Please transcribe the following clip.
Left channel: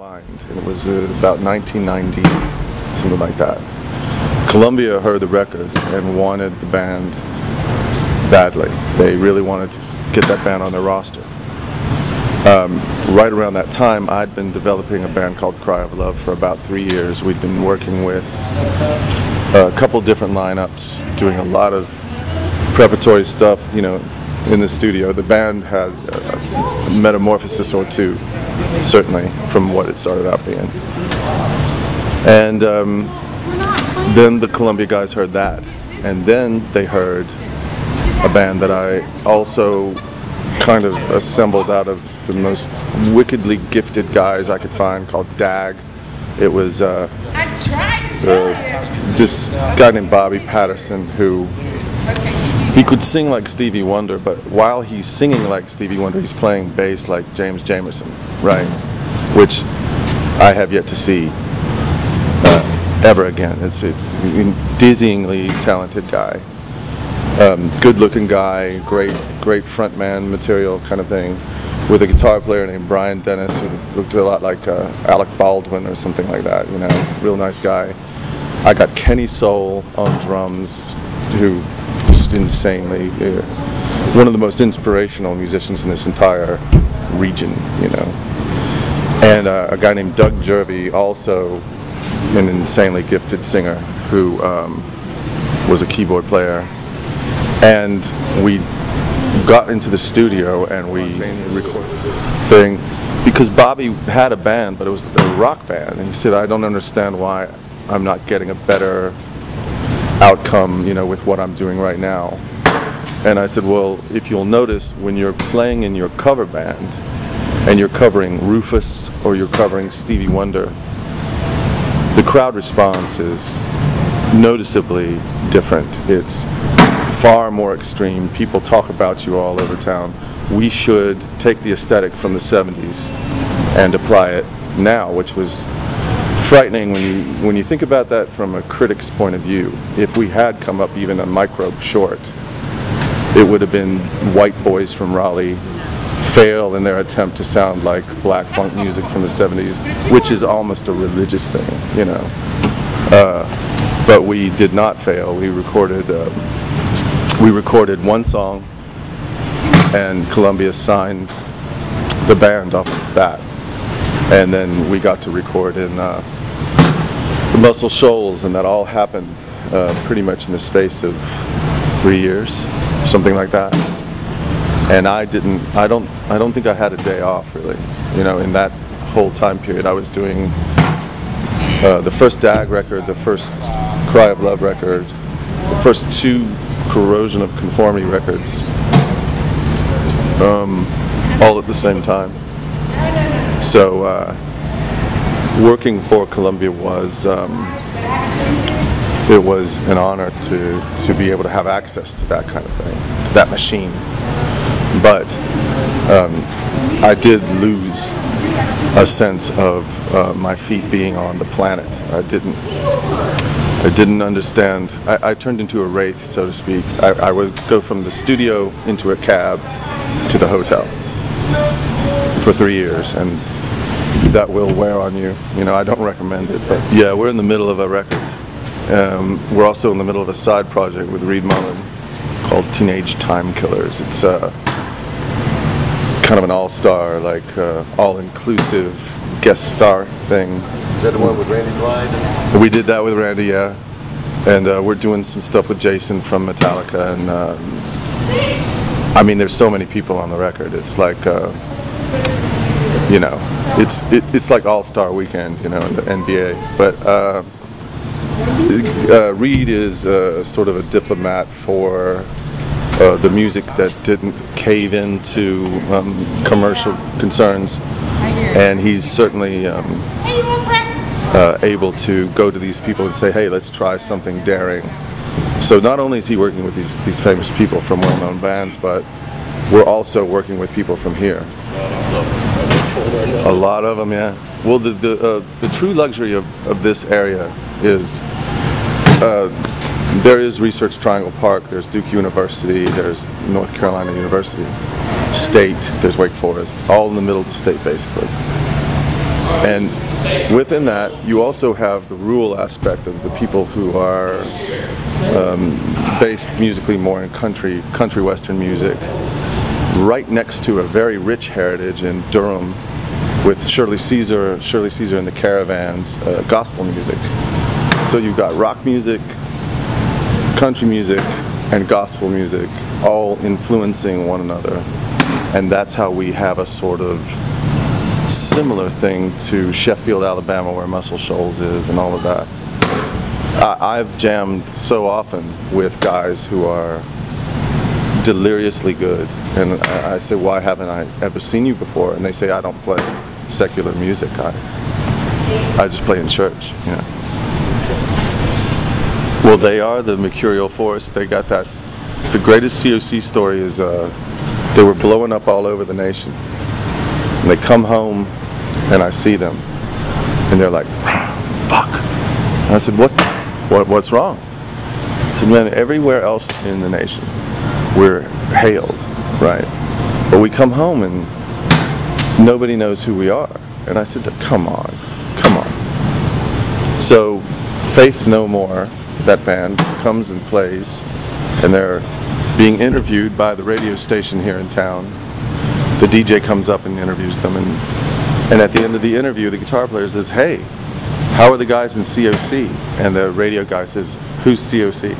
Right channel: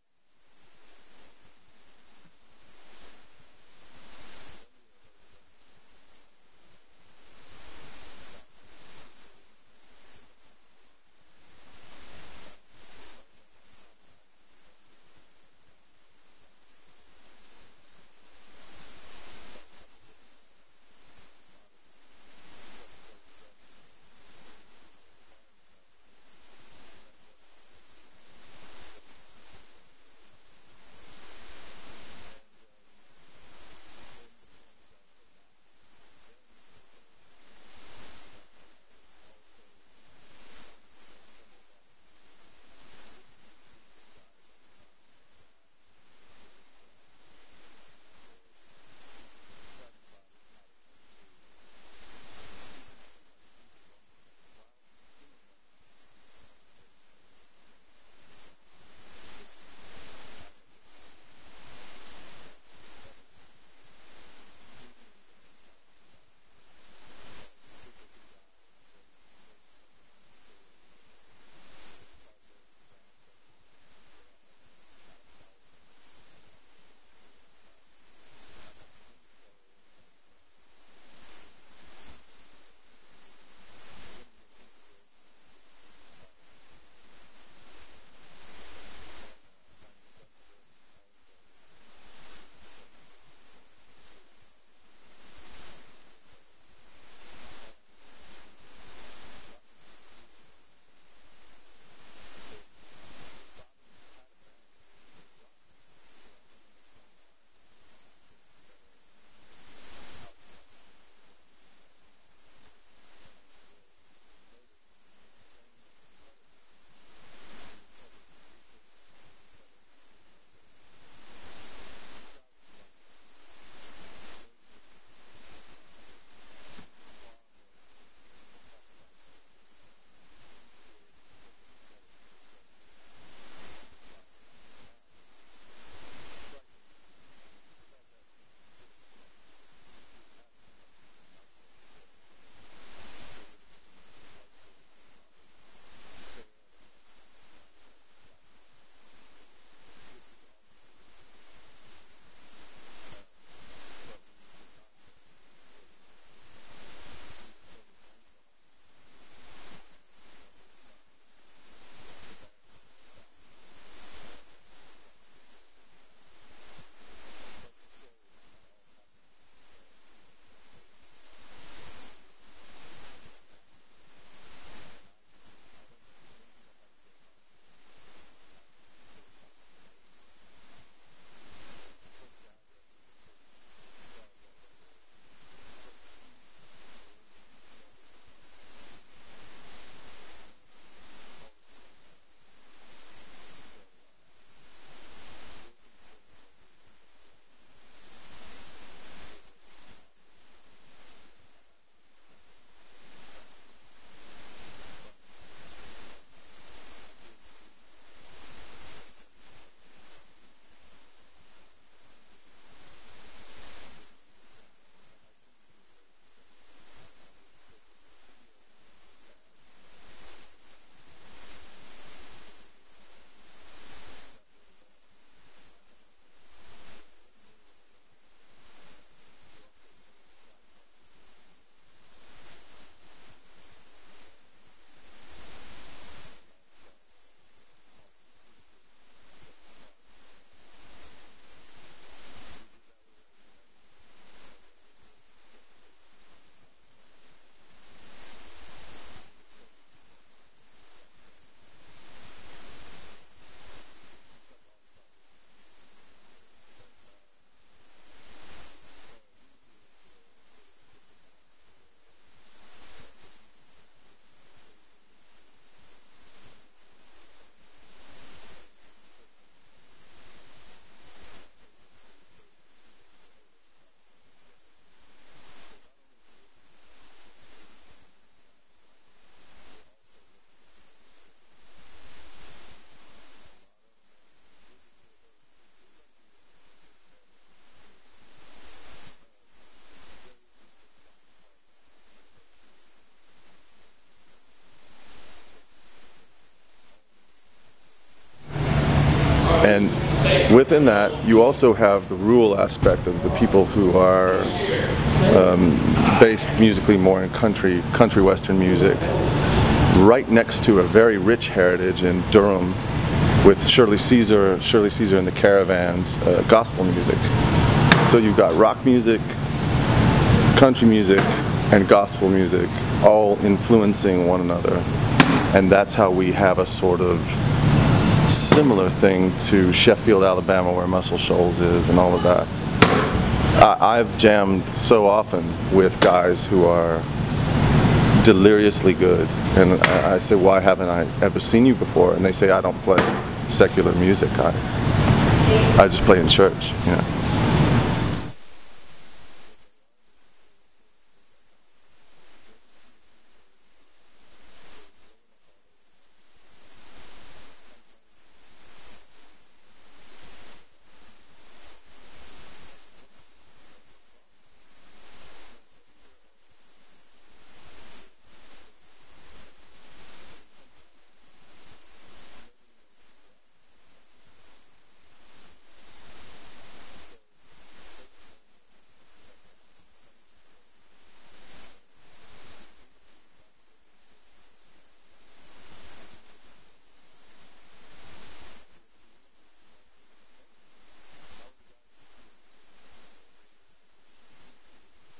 blind, and it was about 1990, something like that. Columbia heard the record and wanted the band badly. They really wanted to get that band on their roster. Right around that time, I'd been developing a band called Cry of Love for about 3 years. We'd been working with a couple different lineups, doing a lot of preparatory stuff, you know, in the studio. The band had a metamorphosis or two, certainly, from what it started out being. And then the Columbia guys heard that, and then they heard a band that I also kind of assembled out of the most wickedly gifted guys I could find, called DAG. It was this guy named Bobby Patterson, who he could sing like Stevie Wonder, but while he's singing like Stevie Wonder, he's playing bass like James Jamerson, right? Which I have yet to see ever again. It's a dizzyingly talented guy, good-looking guy, great frontman material kind of thing, with a guitar player named Brian Dennis, who looked a lot like Alec Baldwin or something like that. You know, real nice guy. I got Kenny Soul on drums, who just insanely, one of the most inspirational musicians in this entire region, you know. And a guy named Doug Jervey, also an insanely gifted singer, who was a keyboard player. And we got into the studio and we recorded because Bobby had a band, but it was a rock band, and he said, I don't understand why I'm not getting a better outcome, you know, with what I'm doing right now. And I said, well, if you'll notice, when you're playing in your cover band and you're covering Rufus or you're covering Stevie Wonder, the crowd response is noticeably different. It's far more extreme. People talk about you all over town. We should take the aesthetic from the 70s and apply it now, which was frightening when you think about that from a critic's point of view. If we had come up even a microbe short, it would have been white boys from Raleigh fail in their attempt to sound like black funk music from the 70s, which is almost a religious thing, you know. But we did not fail. We recorded one song, and Columbia signed the band off of that. And then we got to record in the Muscle Shoals, and that all happened pretty much in the space of 3 years, something like that. And I don't think I had a day off, really. You know, in that whole time period, I was doing the first DAG record, the first Cry of Love record, the first 2 Corrosion of Conformity records, all at the same time. So working for Columbia was it was an honor to be able to have access to that kind of thing, to that machine. But I did lose a sense of my feet being on the planet. I didn't understand. I turned into a wraith, so to speak. I would go from the studio into a cab to the hotel for 3 years, and that will wear on you. You know, I don't recommend it, but yeah, we're in the middle of a record. We're also in the middle of a side project with Reed Mullin called Teenage Time Killers. It's kind of an all-star, like all-inclusive guest star thing. Is that the one with Randy Blythe? We did that with Randy, yeah. And we're doing some stuff with Jason from Metallica, and I mean, there's so many people on the record. It's like, you know, it's like All-Star Weekend, you know, in the NBA. But Reed is sort of a diplomat for the music that didn't cave into commercial concerns, and he's certainly able to go to these people and say, hey, let's try something daring. So not only is he working with these famous people from well-known bands, but we're also working with people from here. A lot of them, yeah. Well, the true luxury of this area is there is Research Triangle Park, there's Duke University, there's North Carolina University, State, there's Wake Forest, all in the middle of the state, basically. And within that, you also have the rural aspect of the people who are based musically more in country western music, right next to a very rich heritage in Durham with Shirley Caesar and the Caravans, gospel music. So you've got rock music, country music, and gospel music all influencing one another. And that's how we have a sort of similar thing to Sheffield, Alabama, where Muscle Shoals is and all of that. I've jammed so often with guys who are deliriously good, and I say, why haven't I ever seen you before? And they say, I don't play secular music, I just play in church, you know. Well, they are the mercurial force. They got that. The greatest COC story is they were blowing up all over the nation, and they come home and I see them and they're like, fuck. And I said, what's wrong? I said, man, everywhere else in the nation we're hailed, right? But we come home and nobody knows who we are. And I said, come on. So Faith No More, that band, comes and plays, and they're being interviewed by the radio station here in town. The DJ comes up and interviews them, and at the end of the interview, the guitar player says, hey, how are the guys in COC? And the radio guy says, who's COC?